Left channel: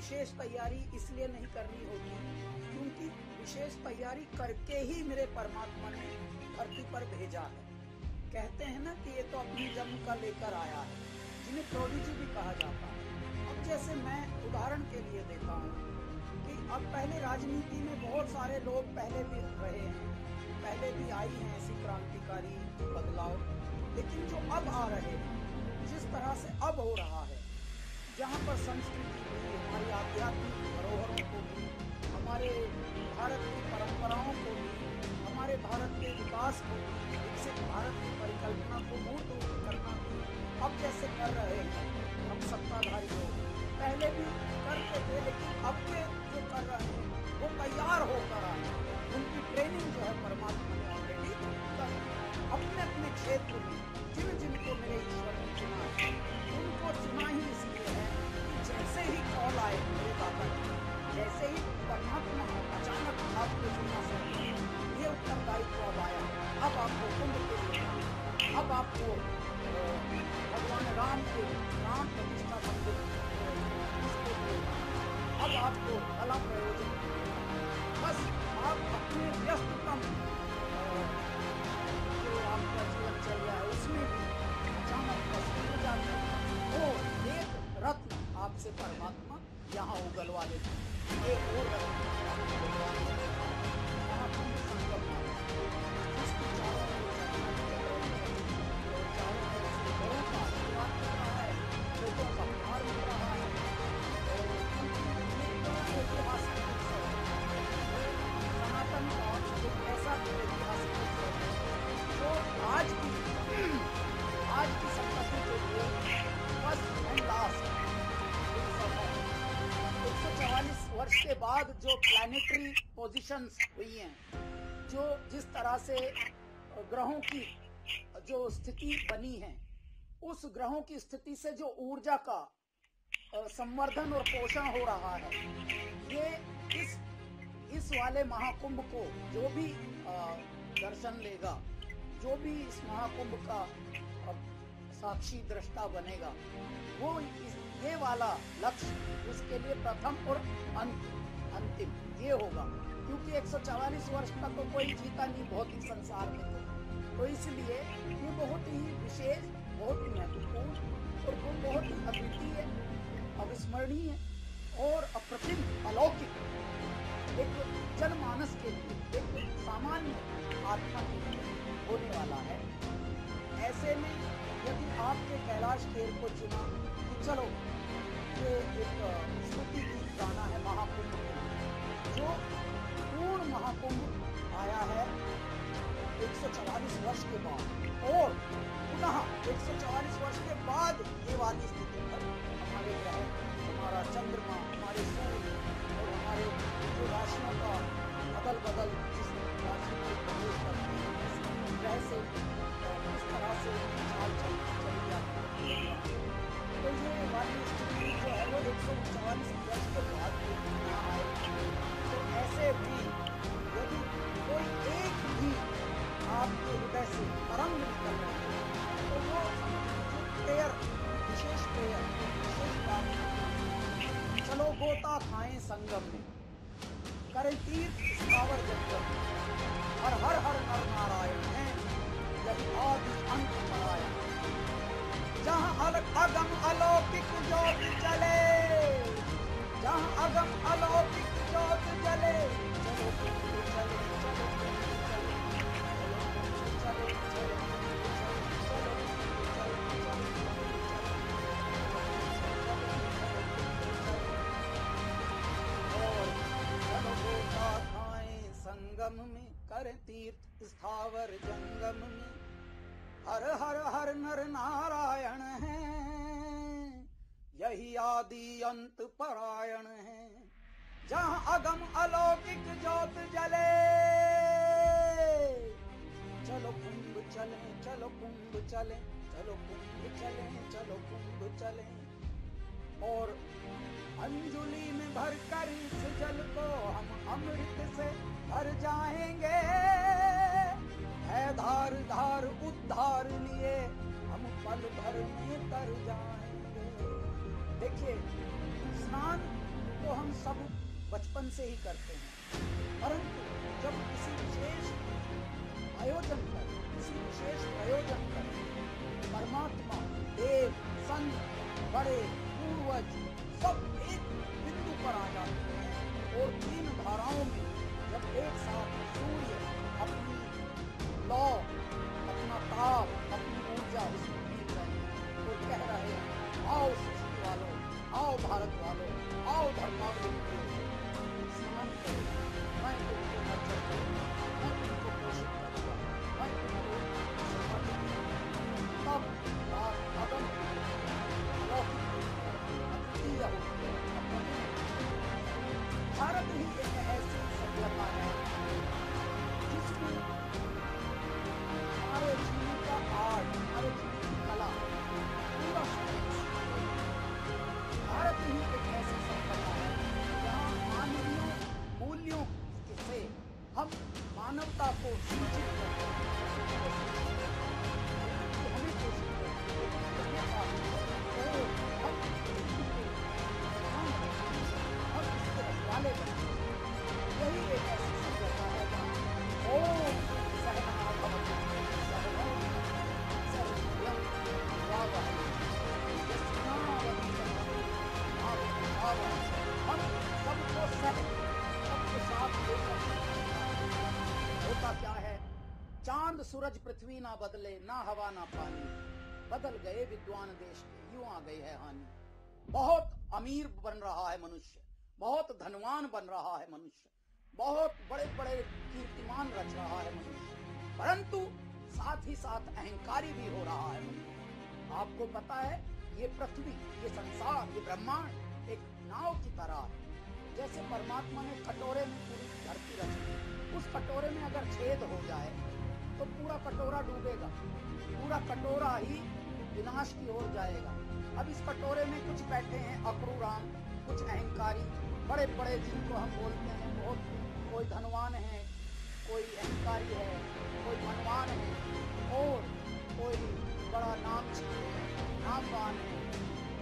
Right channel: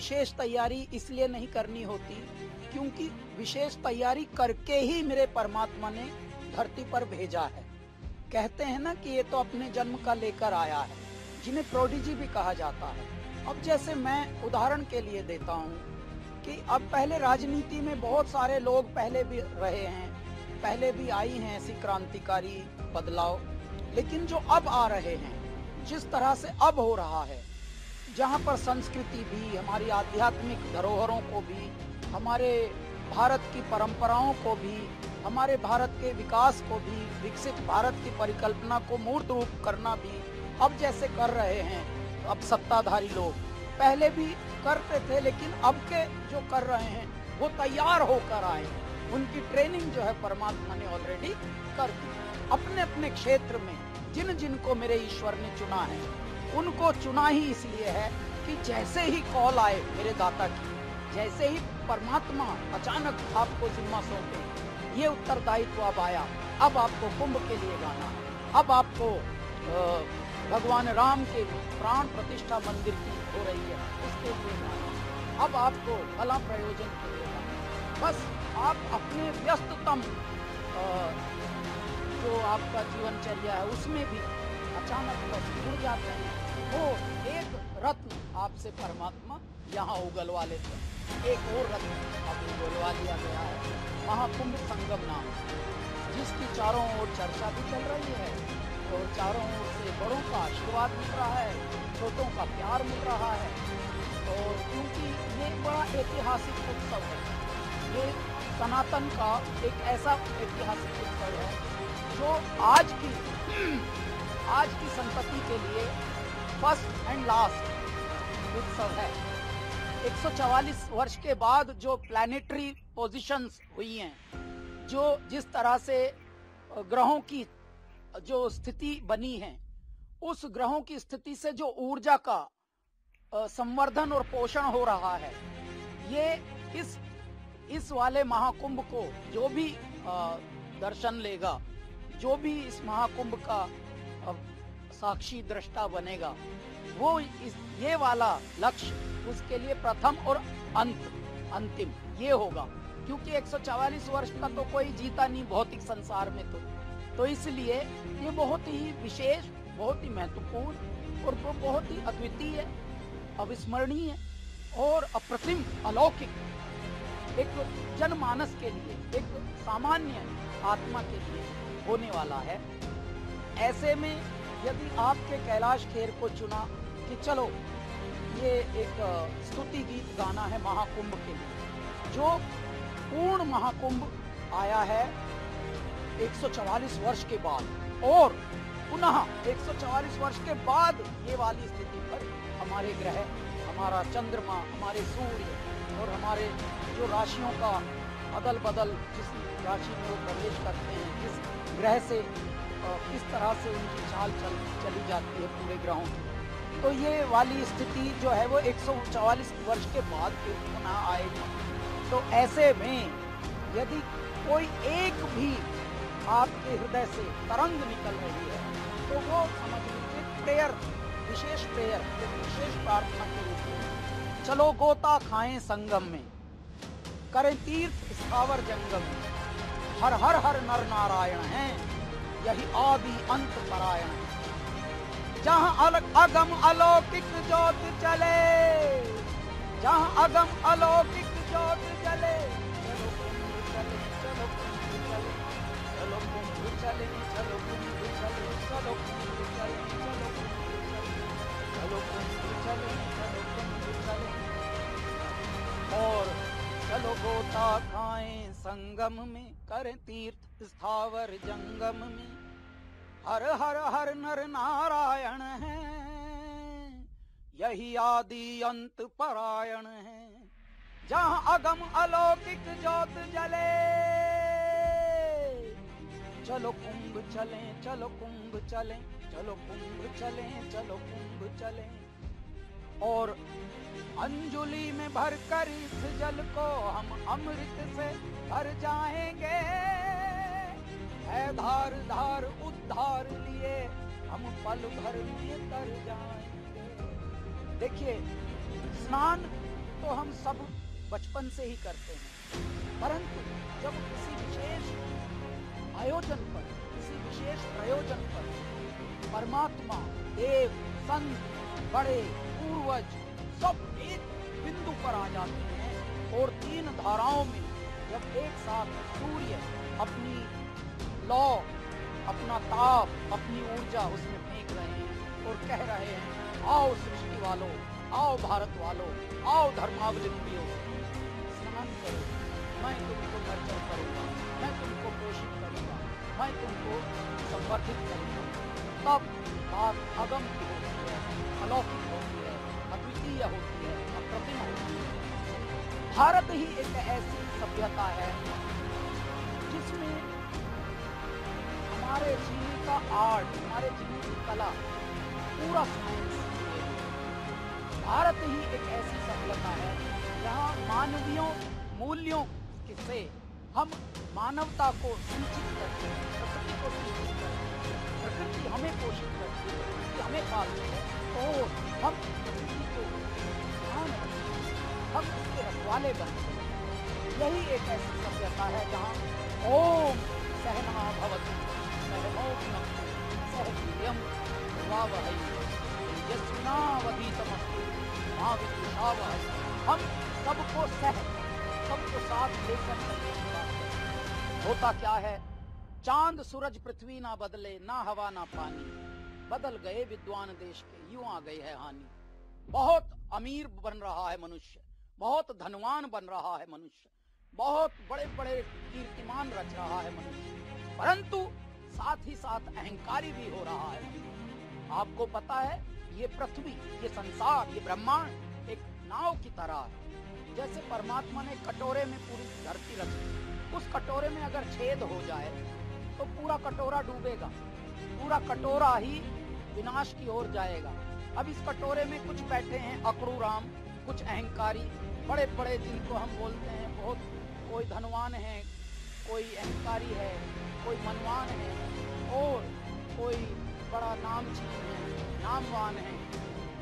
विशेष तैयारी इसलिए नहीं करनी होती क्योंकि विशेष तैयारी करके ही मेरे परमात्मा ने धरती पर भेजा है। कहते हैं ना कि ये तो अपने जन्म का लेकर आया है, जिन्हें प्रोडिजी भी कहा जाता है। अब जैसे मैं उदाहरण के लिए देता हूँ कि अब पहले राजनीति में बहुत सारे लोग पहले भी रहे हैं, पहले भी आई हैं ऐसी क्रांतिकारी बदलाव, लेकिन जो अब आ रहे हैं, जिस तरह से अब हो रहा है, जहाँ पर संस्कृति भी, हमारी आध्यात्मिक धरोहरों को भी, हमारे भारत की परंपराओं को भी, हमारे भारत के विकास को भी, विकसित भारत की परिकल्पना को मूर्त रूप करना भी अब जैसे कर रहे हैं अब सत्ताधारी लोग, पहले भी करते थे, लेकिन अब के जो कर रहे हैं वो तैयार होकर आए, उनकी ट्रेनिंग जो है परमात्मा ने ऑलरेडी कर दी। अपने अपने क्षेत्र में जिन जिनको मेरे ईश्वर ने चुना है, उनको चुना ही इसलिए है कि जैसे ही कॉल आए मेरे दाता की, जैसे ही परमात्मा अचानक आपको जिम्मा सौंपे, ये उत्तरदायित्व अब आया, अब आपको कुंभ के लिए जाना, अब आपको भगवान राम के प्राण प्रतिष्ठा मंदिर हो रही है उसके लिए जाना, अब आपको फला प्रयोजन के लिए जाना। बस आप अपने व्यस्ततम जो आपका जीवनचर्या है उसमें भी अचानक बस जुड़ जाते हैं, वो एक रथ आपसे परमात्मा यहाँ उगलवा लेते हैं, एक और रथ आपको उगलवा दिया गया महाकुंभ संगम नाम, जिसकी चारों ओर चर्चा भी चल रही है और चारों ओर से बड़ों का आशीर्वाद मिल रहा है, छोटों का प्यार मिल रहा है, और क्योंकि एक बड़ा ऐतिहासिक उत्सव है, एक सनातन का एक ऐसा ऐतिहासिक उत्सव है जो आज की संपत्ति के लिए फर्स्ट एंड लास्ट उत्सव है। 144 वर्ष के बाद जो प्लैनेटरी पोजीशंस हुई हैं, जो जिस तरह से ग्रहों की जो स्थिति बनी है, उस ग्रहों की स्थिति से जो ऊर्जा का संवर्धन और पोषण हो रहा है, ये इस वाले महाकुंभ को जो भी दर्शन लेगा, जो भी इस महाकुंभ का साक्षी दृष्टा बनेगा, वो ये वाला लक्ष्य उसके लिए प्रथम और अंतिम ये होगा, क्योंकि 144 वर्ष का तो कोई जीता नहीं भौतिक संसार में, तो इसलिए ये बहुत ही विशेष, बहुत ही महत्वपूर्ण और बहुत ही अद्वितीय, अविस्मरणीय और अप्रतिम, अलौकिक एक जनमानस के लिए, एक सामान्य आत्मा के लिए होने वाला है। ऐसे में यदि आपने कैलाश खेर को चुना कि चलो ये एक स्तुति गीत गाना है महाकुंभ के, जो पूर्ण महाकुंभ आया है 144 वर्ष के बाद, और पुनः 144 वर्ष के बाद ये वाली स्थिति पर हमारे ग्रह, हमारा चंद्रमा, हमारे सूर्य और हमारे जो राशियों का अदल बदल, जिस राशि को प्रवेश करते हैं, जिस ग्रह से किस तरह से चाल चली जाती है पूरे ग्रहों में, तो ये वाली स्थिति जो है वो 144 वर्ष के बाद पुनः आएगी। तो ऐसे में यदि कोई एक भी आपके हृदय से तरंग निकल रही है, तो वो प्रेयर, विशेष प्रेयर, विशेष प्रार्थना के लिए चलो गोता खाएं संगम में, करे तीर्थ स्थावर जंगम में, हर हर हर नर नारायण है, यही आदि अंत परायण, जहाँ अगम अलौकिक ज्योत जले, जहाँ अगम अलौकिक ज्योत जले, चलो कुंभ चले, चलो कुंभ चले, चलो कुंभ चले, चलो कुंभ चले, चलो कुंभ चले, चलो कुंभ चले, और चलो गोता खाएं संगम में, करें तीर्थ स्थावर जंगम में, हर हर हर नर नारायण है, यही आदि अंत परायण है, जहाँ अगम अलौकिक ज्योत जले, चलो कुंभ चले, चलो कुंभ चले, चलो कुंभ चले, चलो कुंभ चले, और अंजुलि में भरकर इस जल को हम अमृत से भर जाएंगे, है धार धार उद्धार लिए हम पल भर में तर जाएंगे। देखिए, स्नान तो हम सब बचपन से ही करते हैं, परंतु जब किसी विशेष आयोजन पर, किसी विशेष प्रयोजन पर परमात्मा, देव, संत, बड़े, पूर्वज सब एक बिंदु पर आ जाते हैं और तीन धाराओं में जब एक साथ सूर्य अपनी लौ, अपना ताप, अपनी ऊर्जा उसमें फेंक रहे हैं और कह रहे हैं, आओ सृष्टि वालों, आओ भारत वालों, आओ धर्मावलंबियों, स्नान करो, मैं तुमको नर्चर करूंगा, मैं तुमको पोषित करूंगा, मैं तुमको संवर्धित करूंगा। तब बात अगम अलौकिक होती है, अद्वितीय होती है, अप्रमेय होती है। भारत ही एक ऐसी सभ्यता है जिसमें हमारे जीवन का आर्ट, हमारे जीवन की कला पूरा भारत ही एक ऐसी सभ्यता है जहाँ मानवीय मूल्यों से हम मानवता को शिक्षित करते हैं, प्रकृति हमें पोषित करती है, हमें पालती है और हम इसके रखवाले बनते हैं। यही एक ऐसी सभ्यता है जहाँ ओम सहना भवतु सहनौ सहवीर्यं भवावहै यस्मावधीतमस्तु मा विद्विषावहै। हम सबको साथ लेकर होता क्या है, चांद सूरज पृथ्वी ना बदले, ना हवा ना पानी, बदल गए विद्वान देश के, यूं आ गई है हानि। बहुत अमीर बन रहा है मनुष्य, बहुत धनवान बन रहा है मनुष्य, बहुत बड़े बड़े कीर्तिमान रच रहा है मनुष्य, परंतु साथ ही साथ अहंकारी भी हो रहा है। आपको पता है ये पृथ्वी, ये संसार, ये ब्रह्मांड एक नाव की तरह है। जैसे परमात्मा ने कटोरे में पूरी धरती रची, उस कटोरे में अगर छेद हो जाए तो पूरा कटोरा डूबेगा, पूरा कटोरा ही विनाश की ओर जाएगा। अब इस कटोरे में कुछ बैठे हैं अक्रूराम, कुछ अहंकारी, बड़े बड़े जिनको हम बोलते हैं बहुत, कोई धनवान है, कोई अहंकारी है, कोई मनवान है और कोई बड़ा नामचीन है, नामवान है।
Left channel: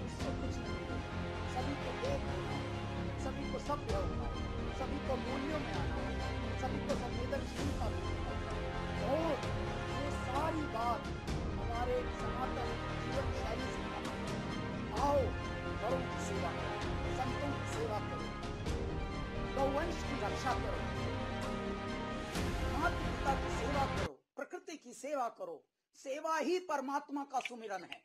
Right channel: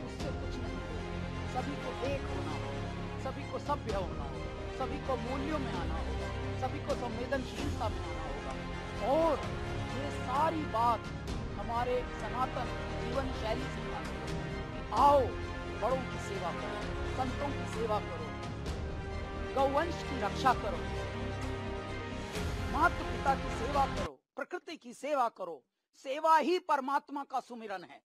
उससे कुछ नहीं होगा, सभी को एक होना होगा, सभी को सभ्य होना होगा, सभी को मूल्यों में आना होगा, सभी को संवेदनशीलता में आना होगा। और ये सारी बात हमारे सनातन जीवन शैली से आओ बड़ों की सेवा करो, संतों की सेवा करो, गौवंश की रक्षा करो, माता पिता की सेवा करो, प्रकृति की सेवा करो। सेवा ही परमात्मा का सुमिरन है।